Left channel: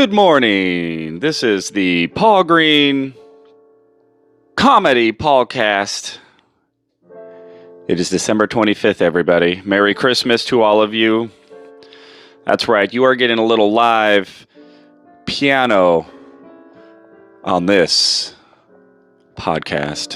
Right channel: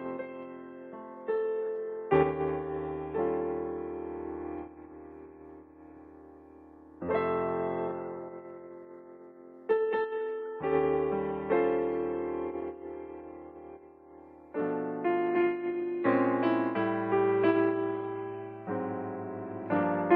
Good morning. This is the Paul Green Comedy PaulCast. It is December 25th, everybody. Merry Christmas to all of you. That's right, you are getting a little live piano on this podcast.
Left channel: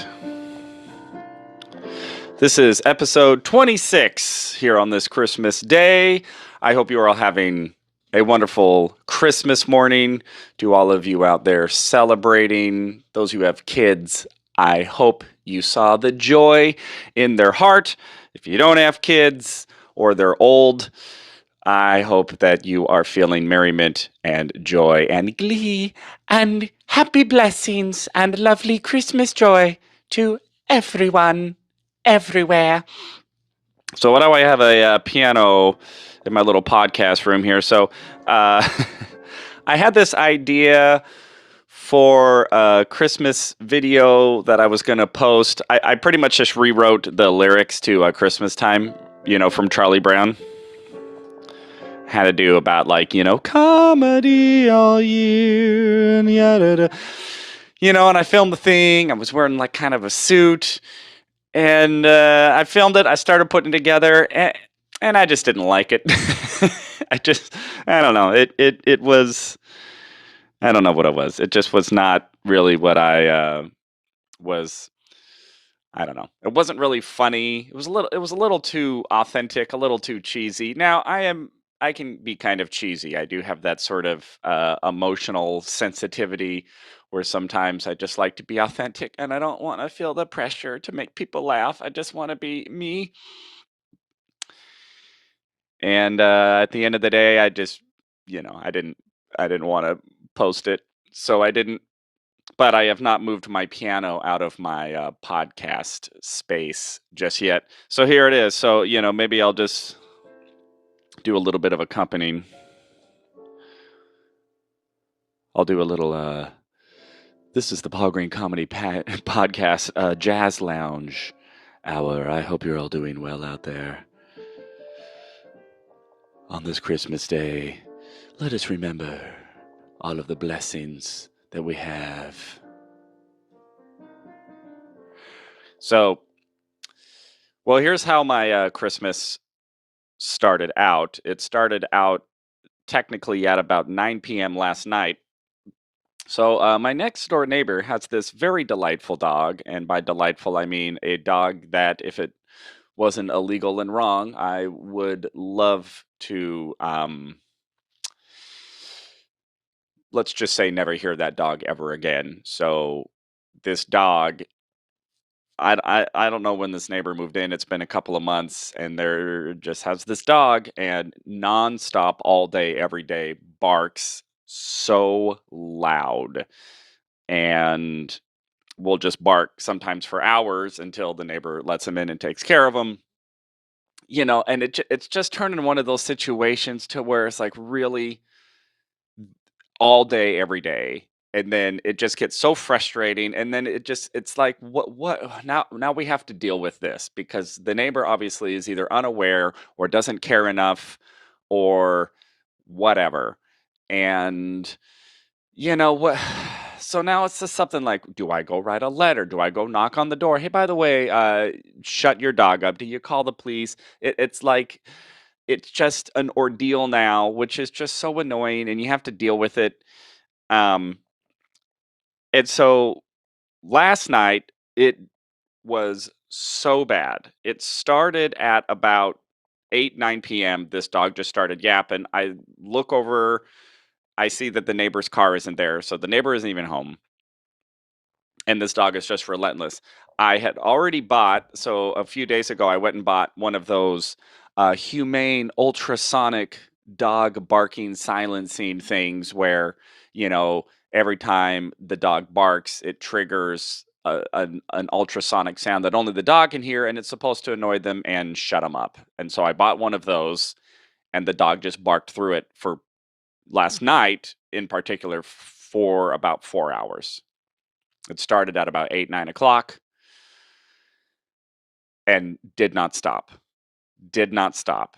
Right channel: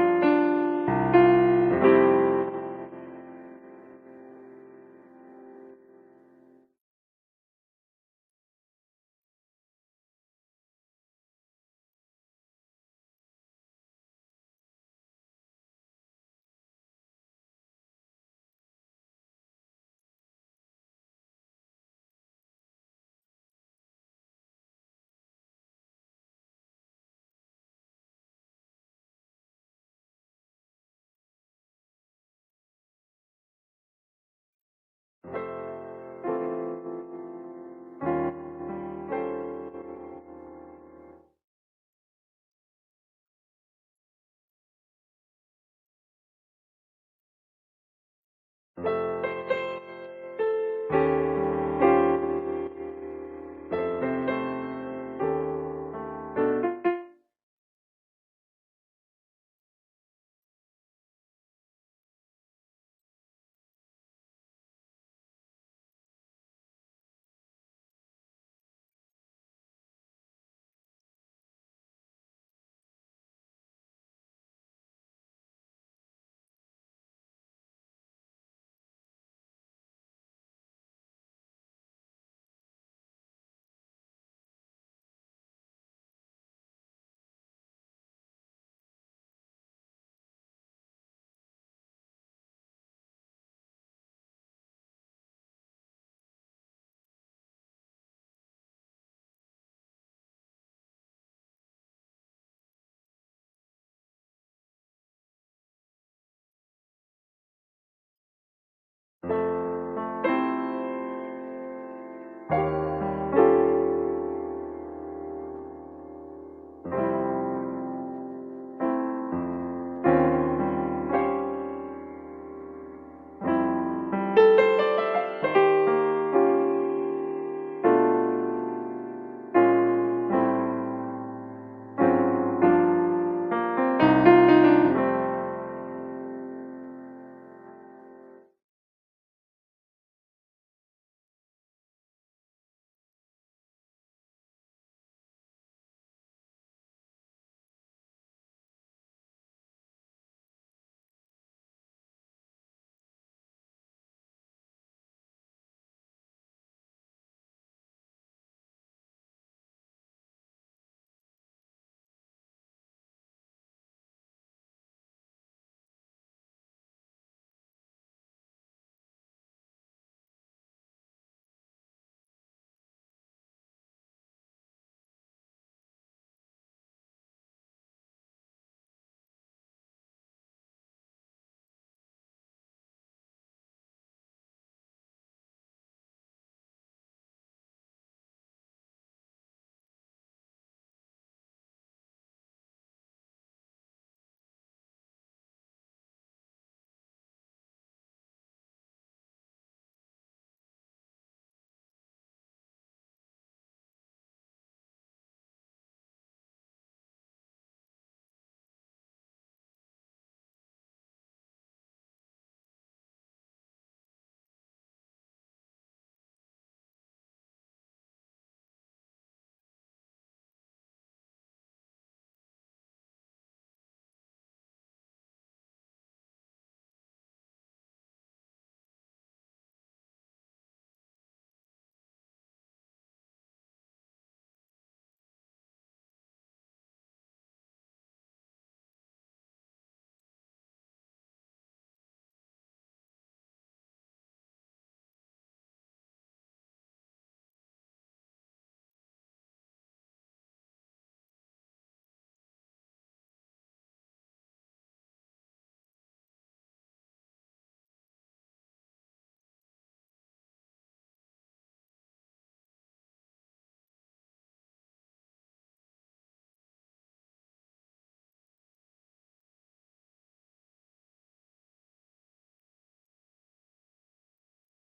This is episode 26 here on this Christmas day. I hope you are all having a wonderful Christmas morning. To all of you out there celebrating, those who have kids, I hope you saw the joy in their heart. If you don't have kids or they're old, I hope that you are feeling merriment and joy and glee and happy blessings and lovely Christmas joy to everyone, everywhere. So why do I have a piano in my little podcast room here? So I had this idea for a Christmas video that I was going to post. I pretty much just rewrote the lyrics to Christmas Time, from Charlie Brown. Had to do about comedy all year and yada. And I filmed the thing. I was wearing kind of a suit. And I filmed it. I started putting it together, and I just didn't like it. I don't know. It was, I don't know what it was. It just was not really what I was. I don't know. It wasn't really funny. It was a little too authentic, a little too cheesy. Now I can be kind of cheesy. I do have that sort of emotional sensitivity where sometimes I just like to be authentic and I don't want to feel the pressure to make people laugh. I just want to be me. And at the end of the day, I just, I didn't want to post it, so I didn't. But I have not moved my piano out of my podcast space just yet. So here it is. So maybe I'll just do a little bit of accompanying. I'll do a little. This is the Paul Green Comedy Podcast Jazz Lounge Hour. I hope you're all doing well out there. On this Christmas day, let us remember all of the blessings that we have. So, well, here's how my Christmas started out. It started out technically at about 9 p.m. last night. So my next door neighbor has this very delightful dog, and by delightful I mean a dog that, if it wasn't illegal and wrong, I would love to, let's just say, never hear that dog ever again. So this dog, I don't know when this neighbor moved in. It's been a couple of months, and there just has this dog, and nonstop, all day, every day, barks so loud, and will just bark sometimes for hours until the neighbor lets him in and takes care of him. And it's just turned into one of those situations to where it's like really all day, every day. And then it just gets so frustrating. And then it's like, what now we have to deal with this because the neighbor obviously is either unaware or doesn't care enough or whatever. And what? So now it's just something like, do I go write a letter? Do I go knock on the door? Hey, by the way, shut your dog up. Do you call the police? It's like, it's just an ordeal now, which is just so annoying, and you have to deal with it. Um, and so last night, it was so bad. It started at about 8, 9 p.m. This dog just started yapping. I look over, I see that the neighbor's car isn't there. So the neighbor isn't even home. And this dog is just relentless. I had already bought, so a few days ago, I went and bought one of those humane ultrasonic dog barking silencing things where, every time the dog barks, it triggers an ultrasonic sound that only the dog can hear, and it's supposed to annoy them and shut them up. And so I bought one of those, and the dog just barked through it for last night in particular for about 4 hours. It started at about 8, 9 o'clock and did not stop. Did not stop.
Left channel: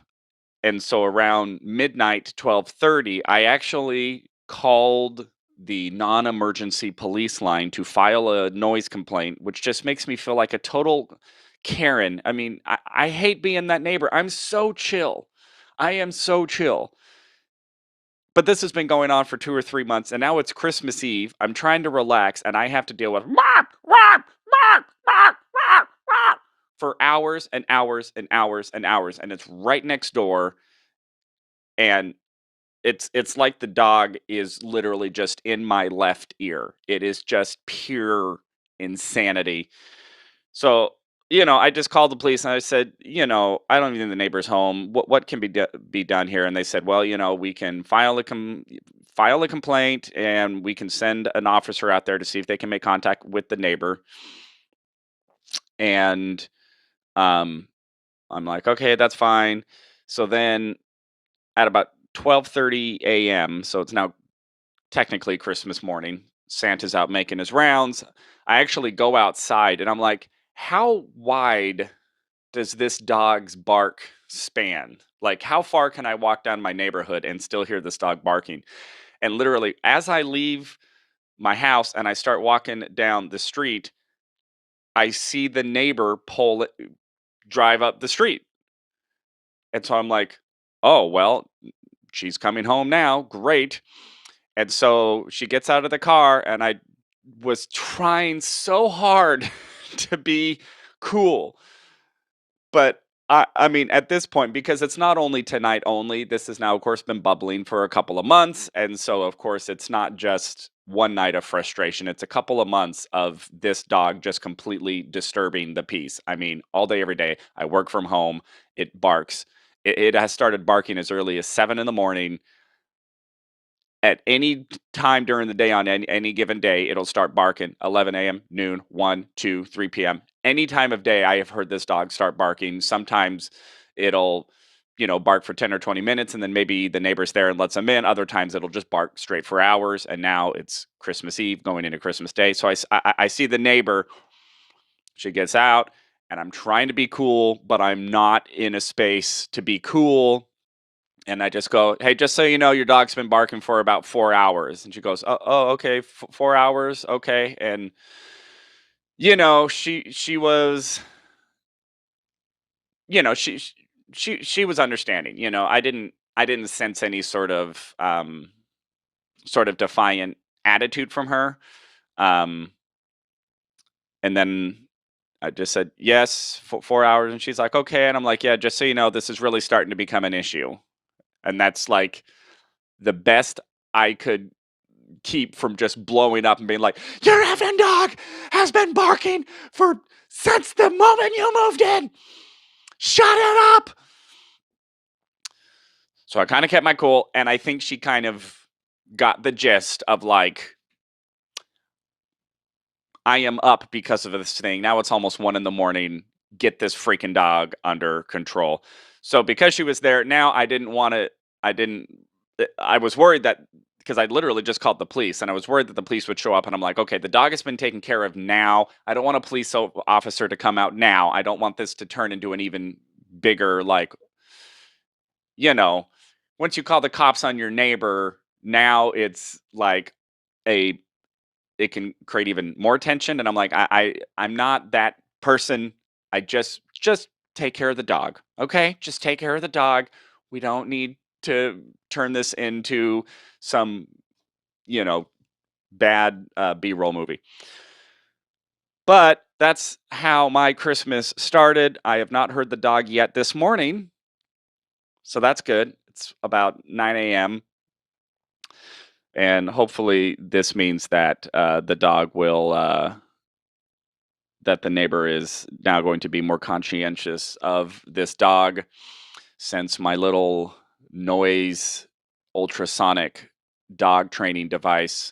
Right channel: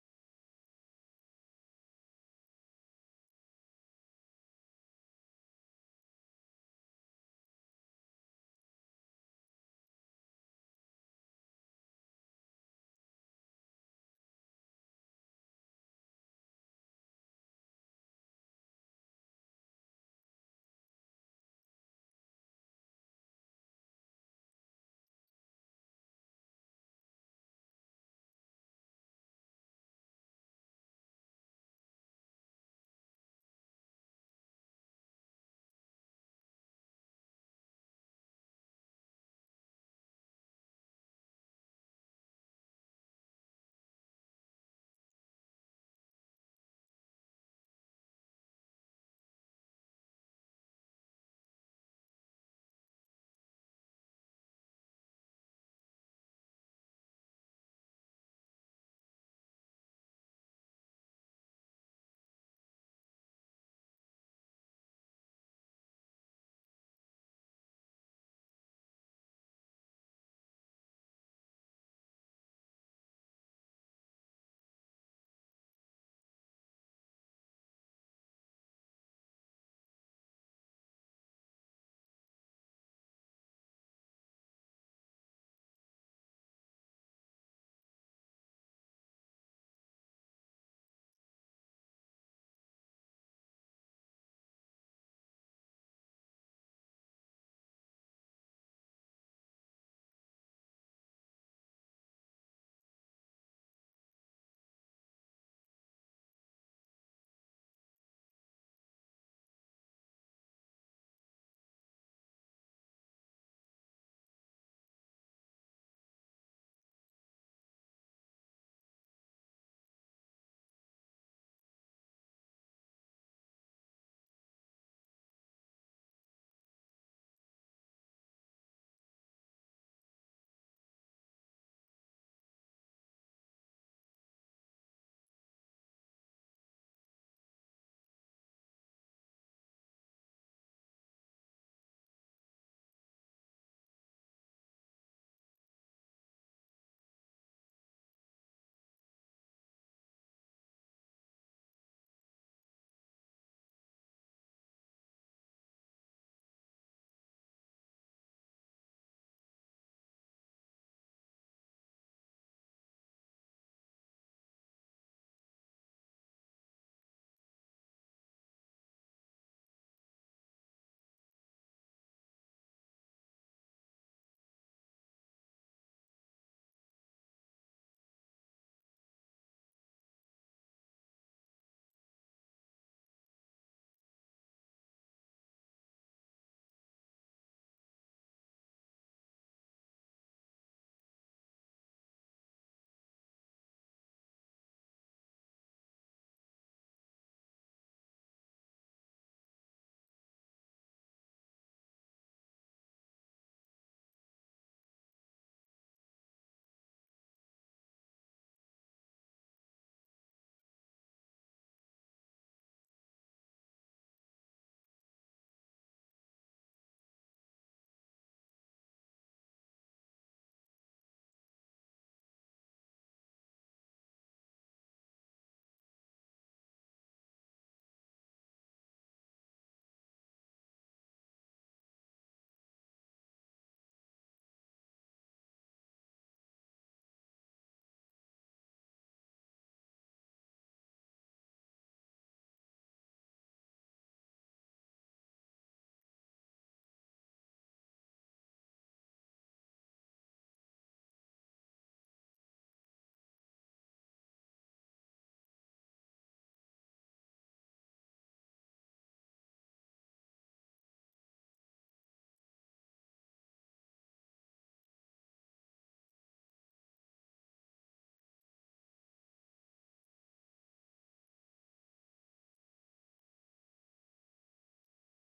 And so around midnight, 12:30, I actually called the non-emergency police line to file a noise complaint, which just makes me feel like a total Karen. I mean, I hate being that neighbor. I'm so chill. I am so chill. But this has been going on for 2 or 3 months, and now it's Christmas Eve. I'm trying to relax, and I have to deal with for hours and hours and hours and hours, and it's right next door, and it's like the dog is literally just in my left ear. It is just pure insanity. So, I just called the police and I said, I don't even think the neighbor's home. What can be done here? And they said, well, we can file a complaint and we can send an officer out there to see if they can make contact with the neighbor. And um, I'm like, okay, that's fine. So then at about 12:30 a.m., so it's now technically Christmas morning, Santa's out making his rounds. I actually go outside and I'm like, how wide does this dog's bark span? Like, how far can I walk down my neighborhood and still hear this dog barking? And literally, as I leave my house and I start walking down the street, I see the neighbor drive up the street. And so I'm like, oh, well, she's coming home now. Great. And so she gets out of the car, and I was trying so hard to be cool. But I mean, at this point, because it's not only tonight only, this has now, of course, been bubbling for a couple of months. And so, of course, it's not just one night of frustration. It's a couple of months of this dog just completely disturbing the peace. I mean, all day, every day. I work from home. It barks. It has started barking as early as 7 in the morning. At any time during the day on any given day, it'll start barking. 11 a.m., noon, 1, 2, 3 p.m. Any time of day, I have heard this dog start barking. Sometimes it'll, bark for 10 or 20 minutes and then maybe the neighbor's there and lets them in. Other times it'll just bark straight for hours. And now it's Christmas Eve going into Christmas Day. So I see the neighbor. She gets out and I'm trying to be cool, but I'm not in a space to be cool, and I just go, "Hey, just so you know, your dog's been barking for about 4 hours." And she goes, "Oh, okay, 4 hours, okay." And she was, you know, she was understanding. I didn't sense any sort of defiant attitude from her. Um, and then I just said, "Yes, 4 hours," and she's like, "Okay." And I'm like, "Yeah, just so you know, this is really starting to become an issue." And that's like the best I could keep from just blowing up and being like, "Your effing dog has been barking for since the moment you moved in. Shut it up." So I kind of kept my cool, and I think she kind of got the gist of like, I am up because of this thing. Now it's almost 1 in the morning. Get this freaking dog under control. So because she was there, now I didn't want to. I didn't. I was worried that because I literally just called the police, and I was worried that the police would show up. And I'm like, okay, the dog has been taken care of now. I don't want a police officer to come out now. I don't want this to turn into an even bigger like, you know, once you call the cops on your neighbor, now it's like a it can create even more tension. And I'm like, I'm not that person. I just take care of the dog. Okay? Just take care of the dog. We don't need to turn this into some, you know, bad B-roll movie. But that's how my Christmas started. I have not heard the dog yet this morning, so that's good. It's about 9 a.m. and hopefully this means that the dog will that the neighbor is now going to be more conscientious of this dog, since my little noise ultrasonic dog training device,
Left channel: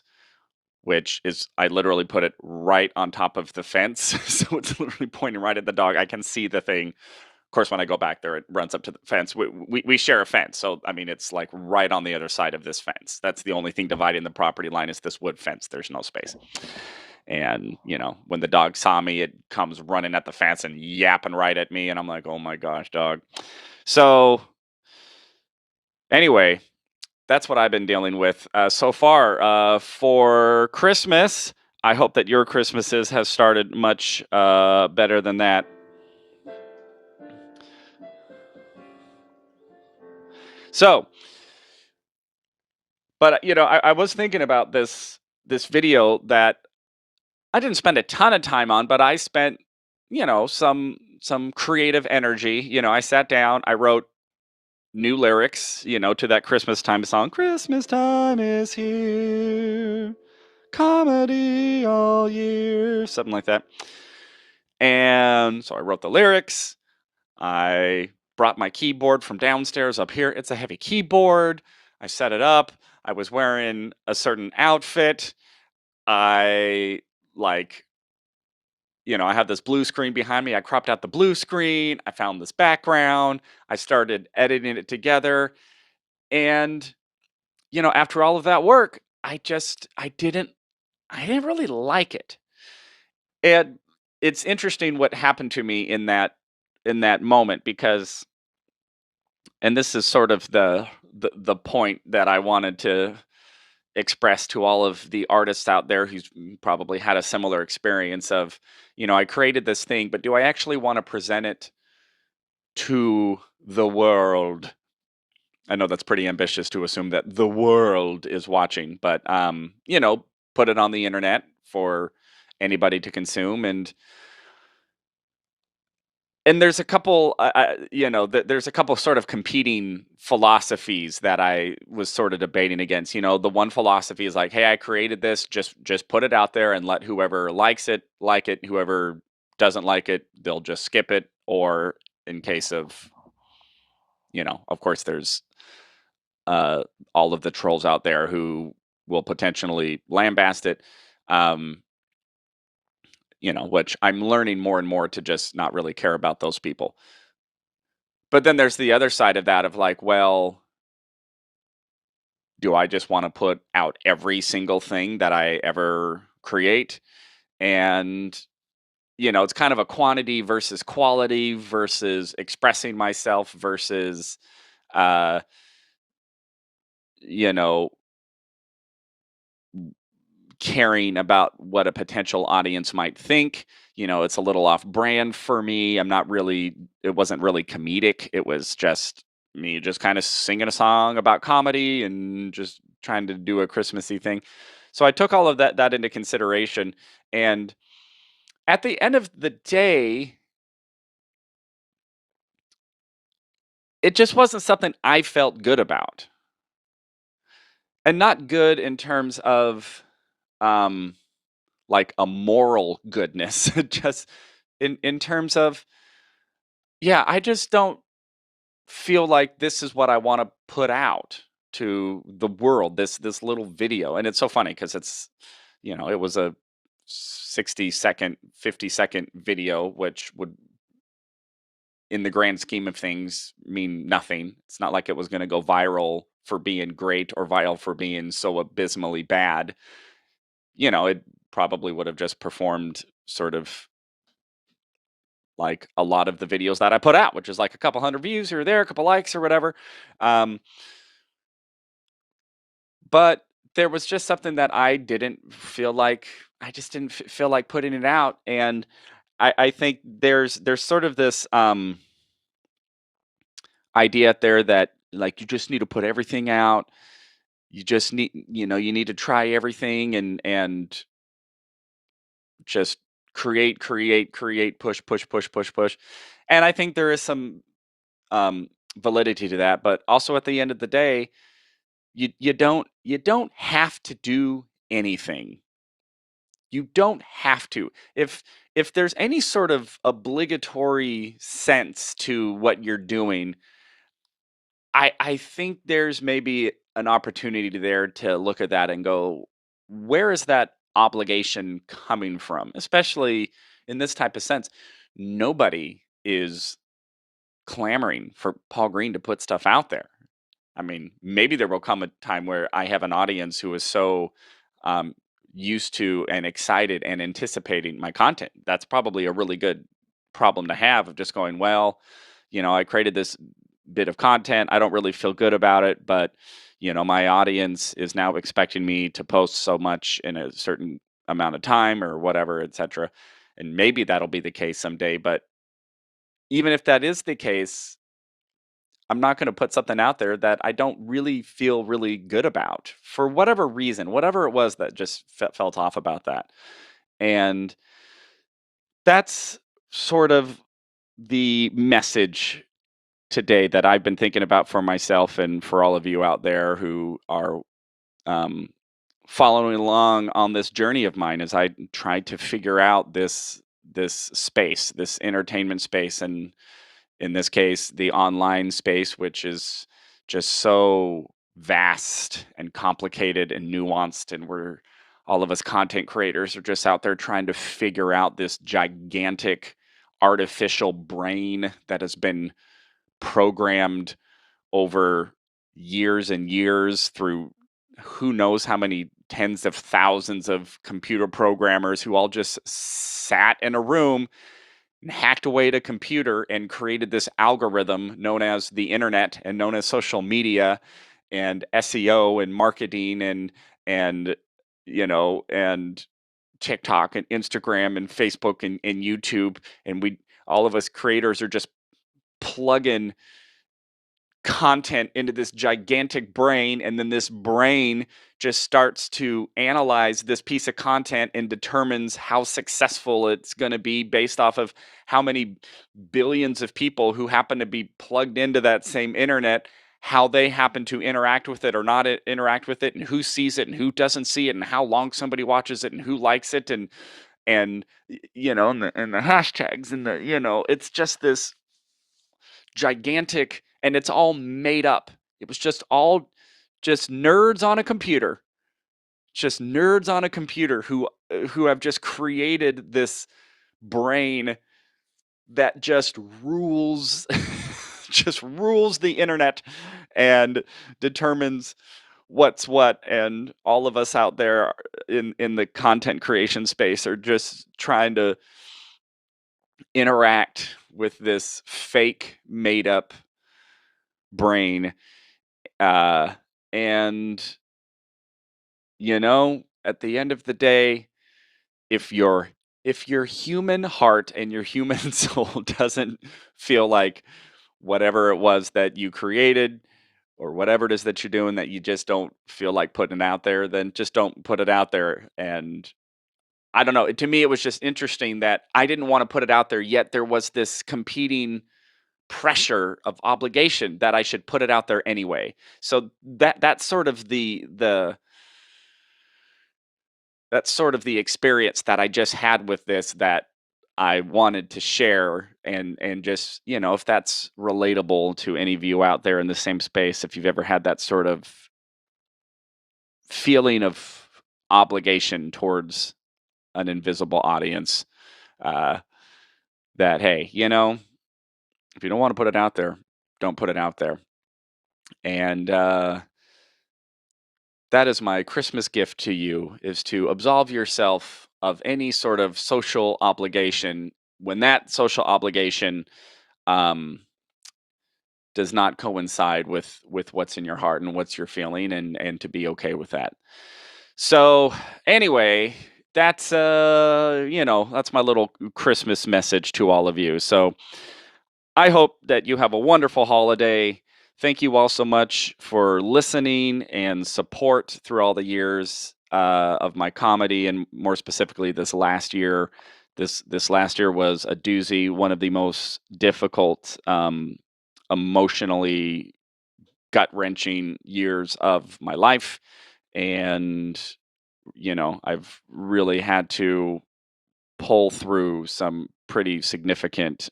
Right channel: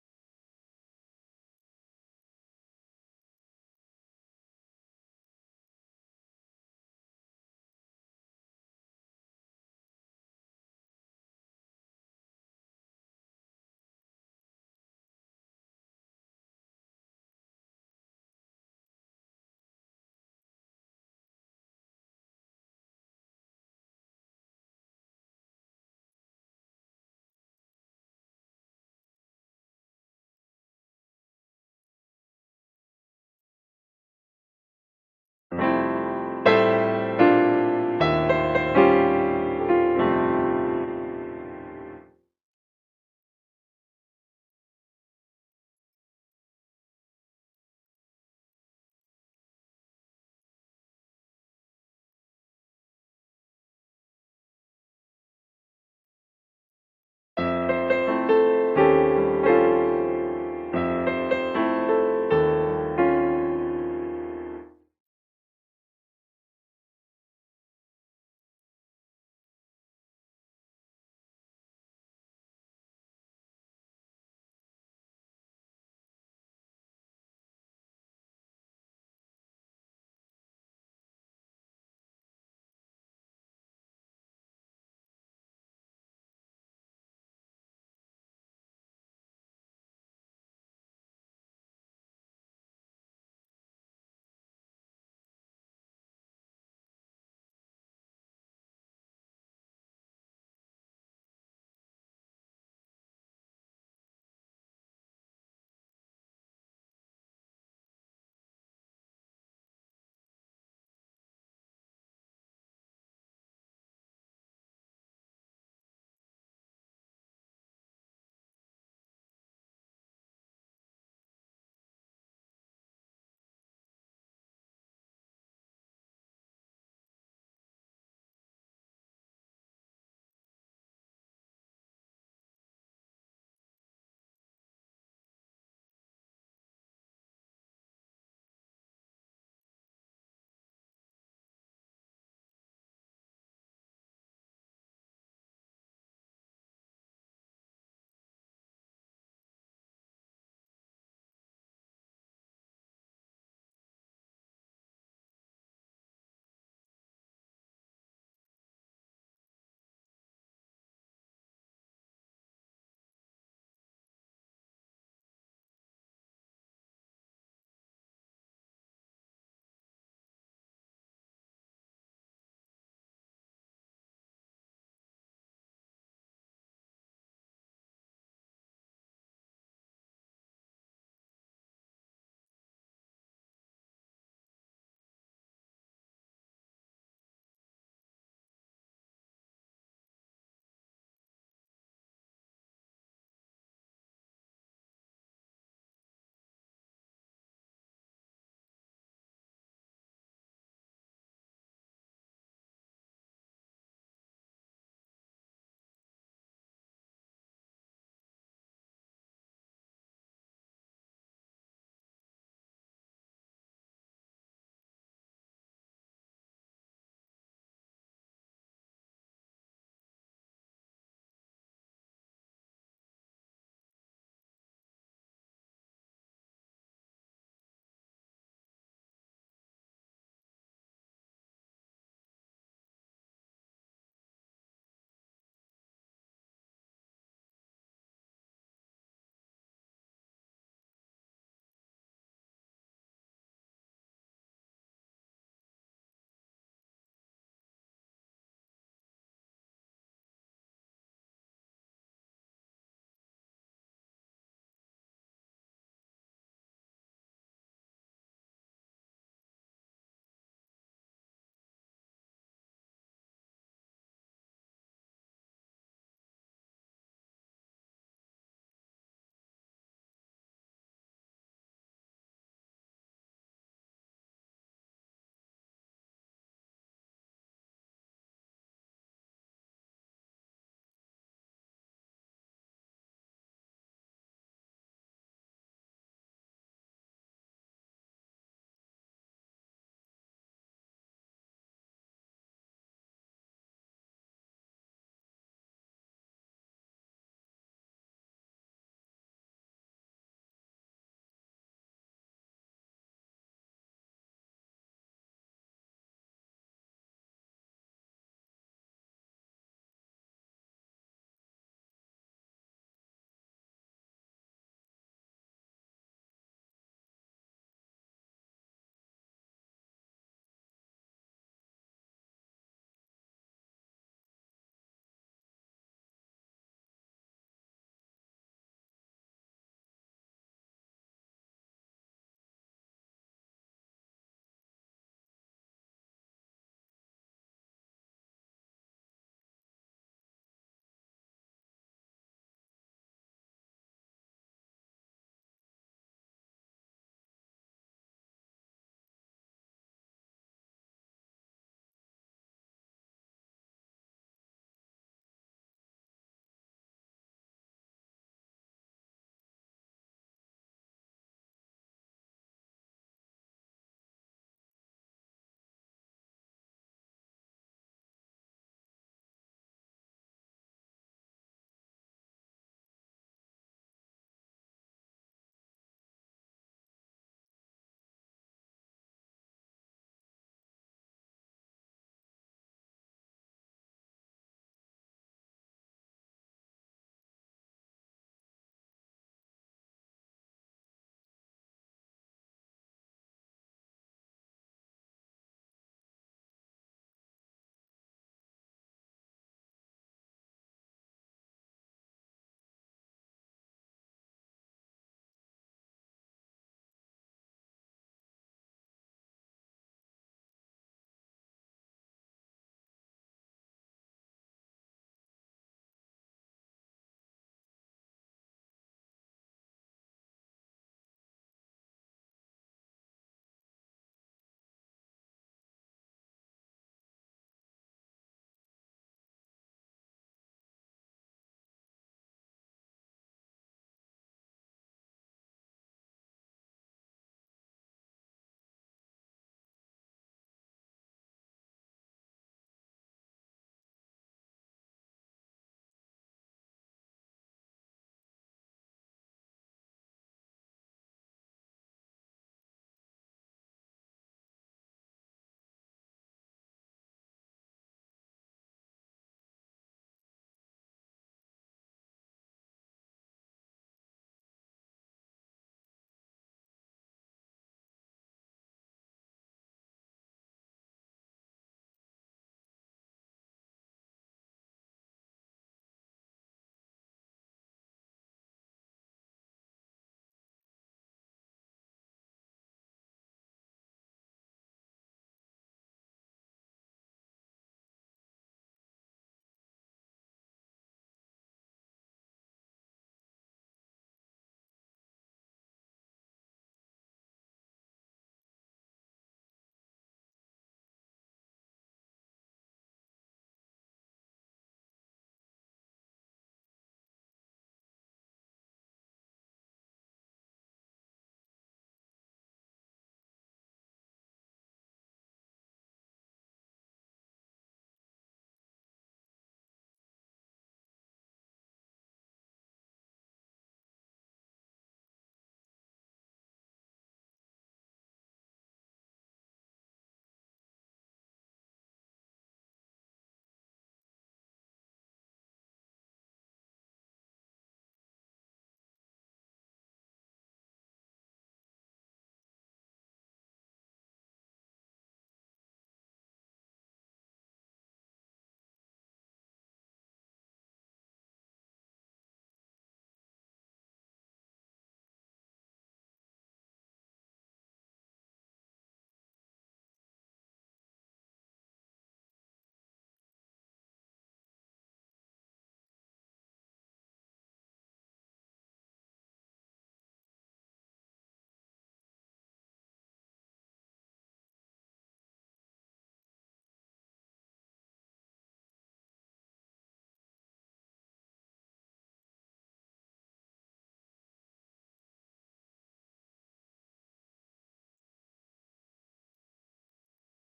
which is I literally put it right on top of the fence. So it's literally pointing right at the dog. I can see the thing. Of course, when I go back there, it runs up to the fence. We share a fence. So, I mean, it's like right on the other side of this fence. That's the only thing dividing the property line is this wood fence. There's no space. And, when the dog saw me, it comes running at the fence and yapping right at me. And I'm like, oh my gosh, dog. So, anyway, that's what I've been dealing with so far. For Christmas, I hope that your Christmases has started much better than that. So, but I was thinking about this video that I didn't spend a ton of time on, but I spent some creative energy. I sat down, I wrote new lyrics, to that Christmas time song. Christmas time is here, comedy all year, something like that. And so I wrote the lyrics. I brought my keyboard from downstairs up here. It's a heavy keyboard. I set it up. I was wearing a certain outfit. I like, I have this blue screen behind me. I cropped out the blue screen. I found this background. I started editing it together. And, after all of that work, I didn't really like it. And it's interesting what happened to me in that moment because, and this is sort of the point that I wanted to express to all of the artists out there who's probably had a similar experience of, I created this thing, but do I actually want to present it to the world? I know that's pretty ambitious to assume that the world is watching, but put it on the internet for anybody to consume. And there's a couple, there's a couple sort of competing philosophies that I was sort of debating against. The one philosophy is like, hey, I created this, just put it out there and let whoever likes it like it. Whoever doesn't like it, they'll just skip it. Or in case of, of course, there's uh, all of the trolls out there who will potentially lambast it. Um, which I'm learning more and more to just not really care about those people. But then there's the other side of that of like, well, do I just want to put out every single thing that I ever create? And, it's kind of a quantity versus quality versus expressing myself versus, uh, you know, caring about what a potential audience might think. It's a little off brand for me. It wasn't really comedic. It was just me just kind of singing a song about comedy and just trying to do a Christmassy thing. So I took all of that into consideration. And at the end of the day, it just wasn't something I felt good about. And not good in terms of um like a moral goodness, just in terms of, yeah, I just don't feel like this is what I want to put out to the world, this little video. And it's so funny because it was a 60-second, 50-second video, which would, in the grand scheme of things, mean nothing. It's not like it was going to go viral for being great or viral for being so abysmally bad. It probably would have just performed sort of like a lot of the videos that I put out, which is like a couple hundred views here or there, a couple likes or whatever. Um, but there was just something that I just didn't feel like putting it out. And I think there's sort of this idea out there that like you just need to put everything out. You just you need to try everything and just create, push, push, push, push, push. And I think there is some validity to that. But also at the end of the day, you don't have to do anything. You don't have to. If there's any sort of obligatory sense to what you're doing, I think there's maybe an opportunity there to look at that and go, where is that obligation coming from? Especially in this type of sense, nobody is clamoring for Paul Green to put stuff out there. I mean, maybe there will come a time where I have an audience who is so um, used to and excited and anticipating my content. That's probably a really good problem to have of just going, well, I created this bit of content. I don't really feel good about it, but My audience is now expecting me to post so much in a certain amount of time or whatever, etc. And maybe that'll be the case someday, but even if that is the case, I'm not going to put something out there that I don't really feel really good about for whatever reason, whatever it was that just felt off about that. And that's sort of the message today that I've been thinking about for myself and for all of you out there who are um, following along on this journey of mine as I tried to figure out this space, this entertainment space, and in this case, the online space, which is just so vast and complicated and nuanced, and we're all of us content creators are just out there trying to figure out this gigantic artificial brain that has been programmed over years and years through who knows how many tens of thousands of computer programmers who all just sat in a room and hacked away at a computer and created this algorithm known as the internet and known as social media and SEO and marketing and and TikTok and Instagram and Facebook and YouTube, and we all of us creators are just plugging content into this gigantic brain, and then this brain just starts to analyze this piece of content and determines how successful it's going to be based off of how many billions of people who happen to be plugged into that same internet, how they happen to interact with it or not interact with it, and who sees it and who doesn't see it, and how long somebody watches it and who likes it, and the hashtags, and it's just this gigantic, and it's all made up. It was just all just nerds on a computer, just nerds on a computer who have just created this brain that just rules just rules the internet and determines what's what, and all of us out there in the content creation space are just trying to interact with this fake made up brain. Uh, and at the end of the day, if your human heart and your human soul doesn't feel like whatever it was that you created or whatever it is that you're doing that you just don't feel like putting it out there, then just don't put it out there. And I don't know. To me, it was just interesting that I didn't want to put it out there, yet there was this competing pressure of obligation that I should put it out there anyway. So that's sort of the experience that I just had with this that I wanted to share, and just, if that's relatable to any of you out there in the same space, if you've ever had that sort of feeling of obligation towards an invisible audience, uh, that hey, if you don't want to put it out there, don't put it out there. And that is my Christmas gift to you, is to absolve yourself of any sort of social obligation when that social obligation um, does not coincide with what's in your heart and what's you're feeling, and to be okay with that. So anyway, that's my little Christmas message to all of you. So I hope that you have a wonderful holiday. Thank you all so much for listening and support through all the years of my comedy, and more specifically, this last year. This last year was a doozy, one of the most difficult, emotionally gut wrenching years of my life, and I've really had to pull through some pretty significant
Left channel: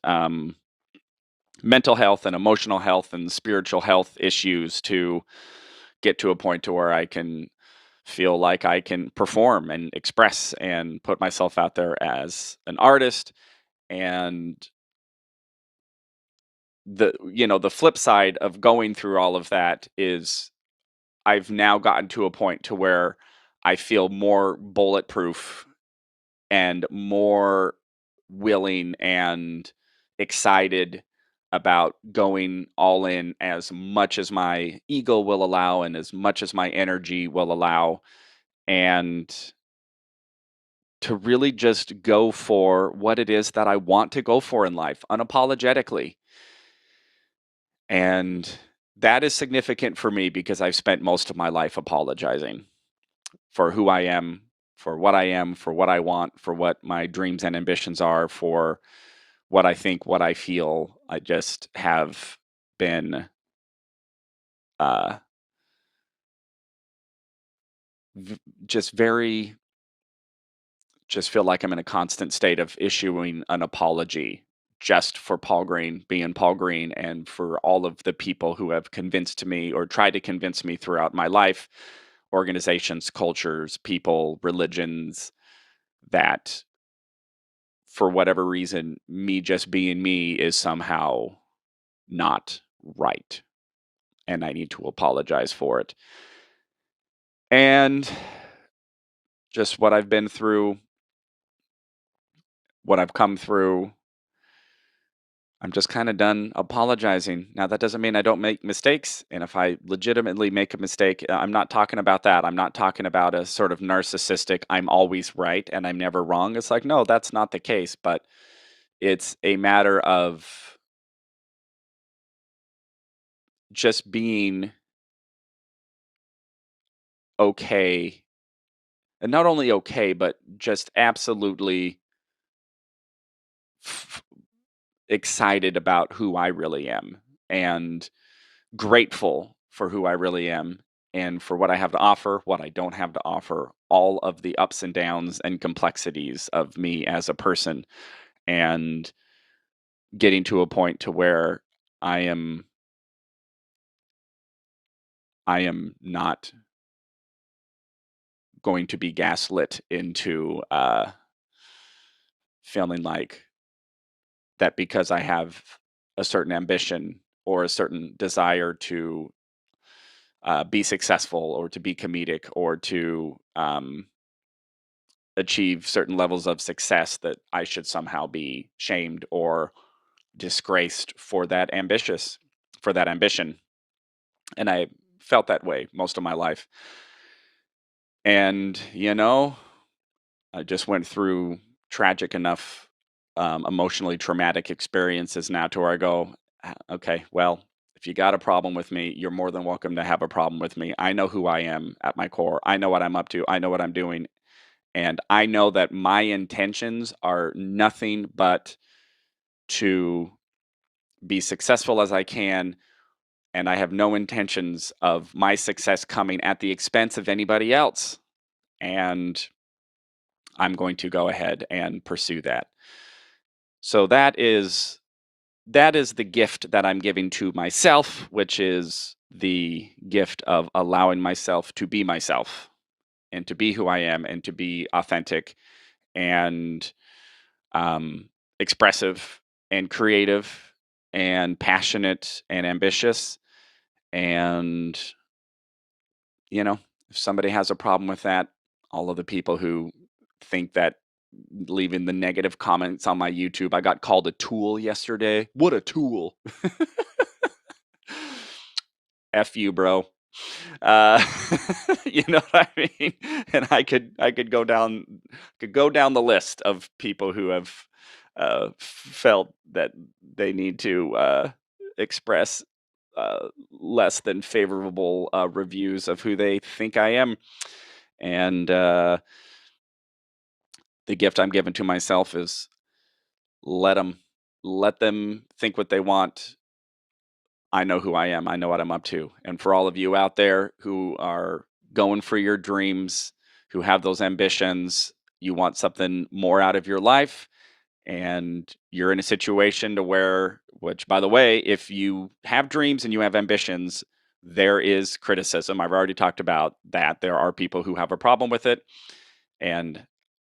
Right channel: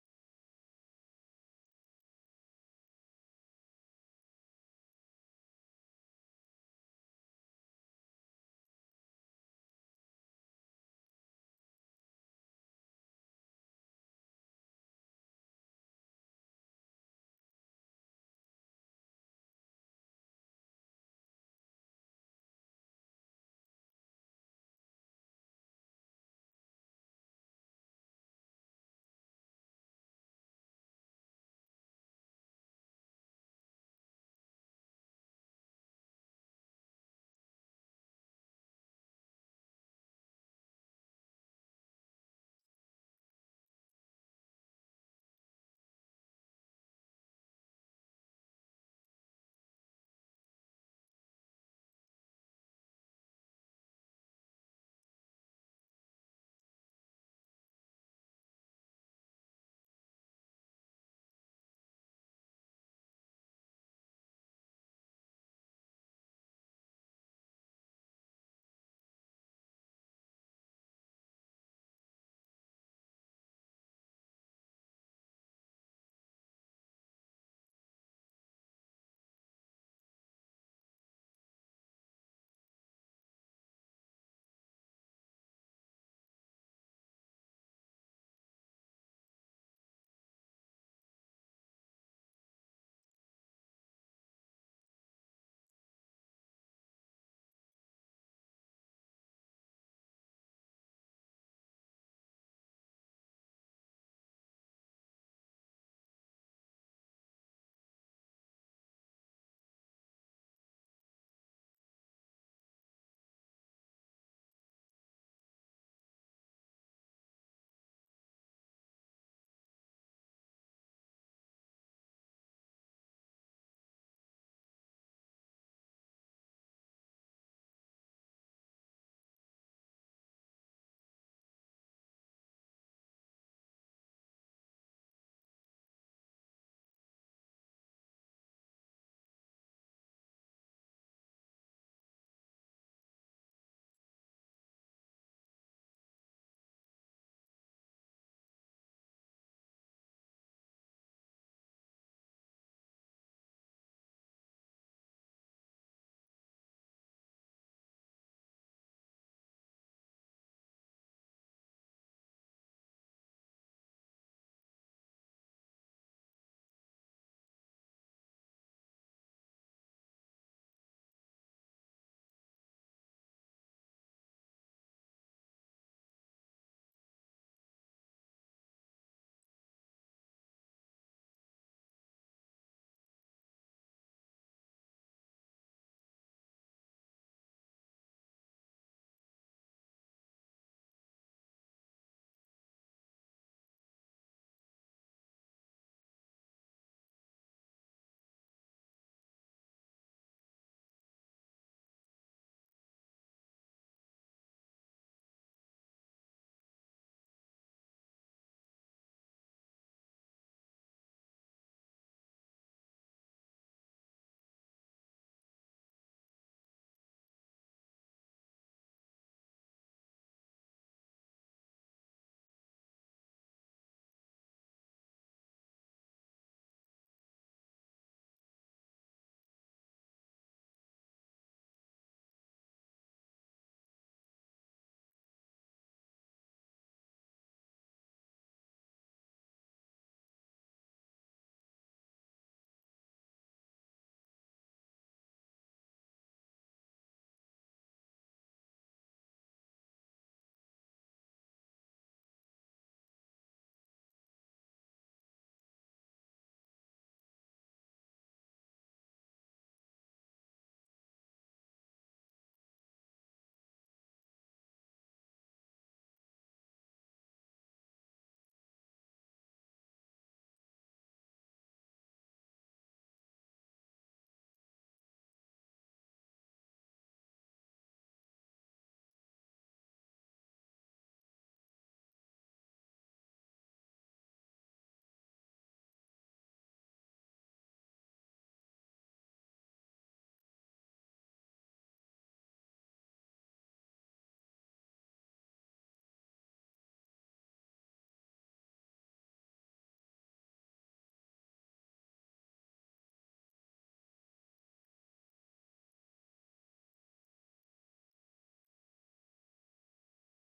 mental health and emotional health and spiritual health issues to get to a point to where I can feel like I can perform and express and put myself out there as an artist. And the flip side of going through all of that is I've now gotten to a point to where I feel more bulletproof and more willing and excited about going all in as much as my ego will allow and as much as my energy will allow, and to really just go for what it is that I want to go for in life unapologetically. And that is significant for me because I've spent most of my life apologizing for who I am, for what I want, for what my dreams and ambitions are, for what I think, what I feel. I just have been uh, v- just very, just feel like I'm in a constant state of issuing an apology just for Paul Green being Paul Green and for all of the people who have convinced me or tried to convince me throughout my life, organizations, cultures, people, religions, that for whatever reason, me just being me is somehow not right. And I need to apologize for it. And just what I've been through, what I've come through, I'm just kind of done apologizing. Now, that doesn't mean I don't make mistakes. And if I legitimately make a mistake, I'm not talking about that. I'm not talking about a sort of narcissistic, I'm always right and I'm never wrong. It's like, no, that's not the case. But it's a matter of just being okay. And not only okay, but just absolutely f- excited about who I really am and grateful for who I really am and for what I have to offer, what I don't have to offer, all of the ups and downs and complexities of me as a person, and getting to a point to where I am I am not going to be gaslit into feeling like that because I have a certain ambition or a certain desire to be successful or to be comedic or to achieve certain levels of success that I should somehow be shamed or disgraced for that ambition. And I felt that way most of my life. And I just went through tragic enough, emotionally traumatic experiences now to where I go, Okay, well, if you got a problem with me, you're more than welcome to have a problem with me. I know who I am at my core. I know what I'm up to. I know what I'm doing. And I know that my intentions are nothing but to be successful as I can. And I have no intentions of my success coming at the expense of anybody else. And I'm going to go ahead and pursue that. So that is the gift that I'm giving to myself, which is the gift of allowing myself to be myself and to be who I am and to be authentic and um, expressive and creative and passionate and ambitious. And, if somebody has a problem with that, all of the people who think that leaving the negative comments on my YouTube, I got called a tool yesterday. What a tool. F you, bro. Uh, you know what I mean? And I could go down the list of people who have felt that they need to express less than favorable reviews of who they think I am. And the gift I'm giving to myself is let them let them think what they want. I know who I am. I know what I'm up to. And for all of you out there who are going for your dreams, who have those ambitions, you want something more out of your life, and you're in a situation to where, which by the way, if you have dreams and you have ambitions, there is criticism. I've already talked about that. There are people who have a problem with it. And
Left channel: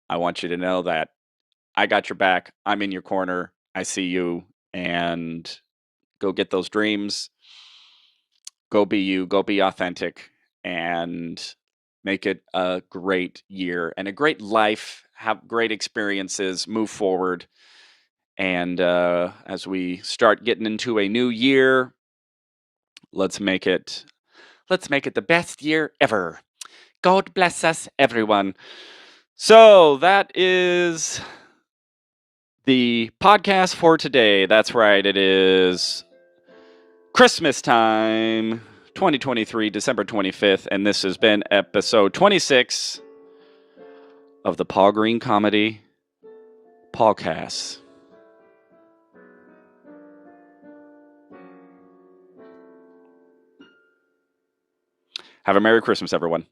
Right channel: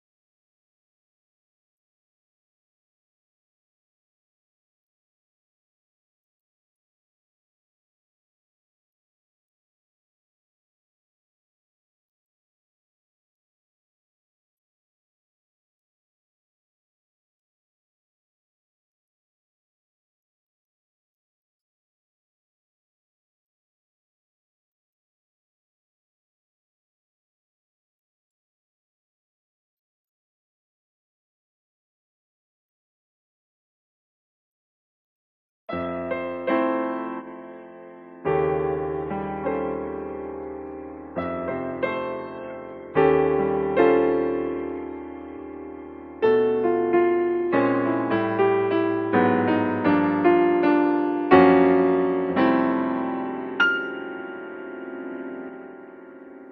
I want you to know that I got your back. I'm in your corner. I see you. And go get those dreams, go be you, go be authentic, and make it a great year and a great life. Have great experiences, move forward, And as we start getting into a new year, let's make it the best year ever. God bless us, everyone. So that is the podcast for today. That's right, it is Christmas time, 2023, December 25th, and this has been episode 26 of the Paul Green Comedy PaulCast. Have a Merry Christmas, everyone.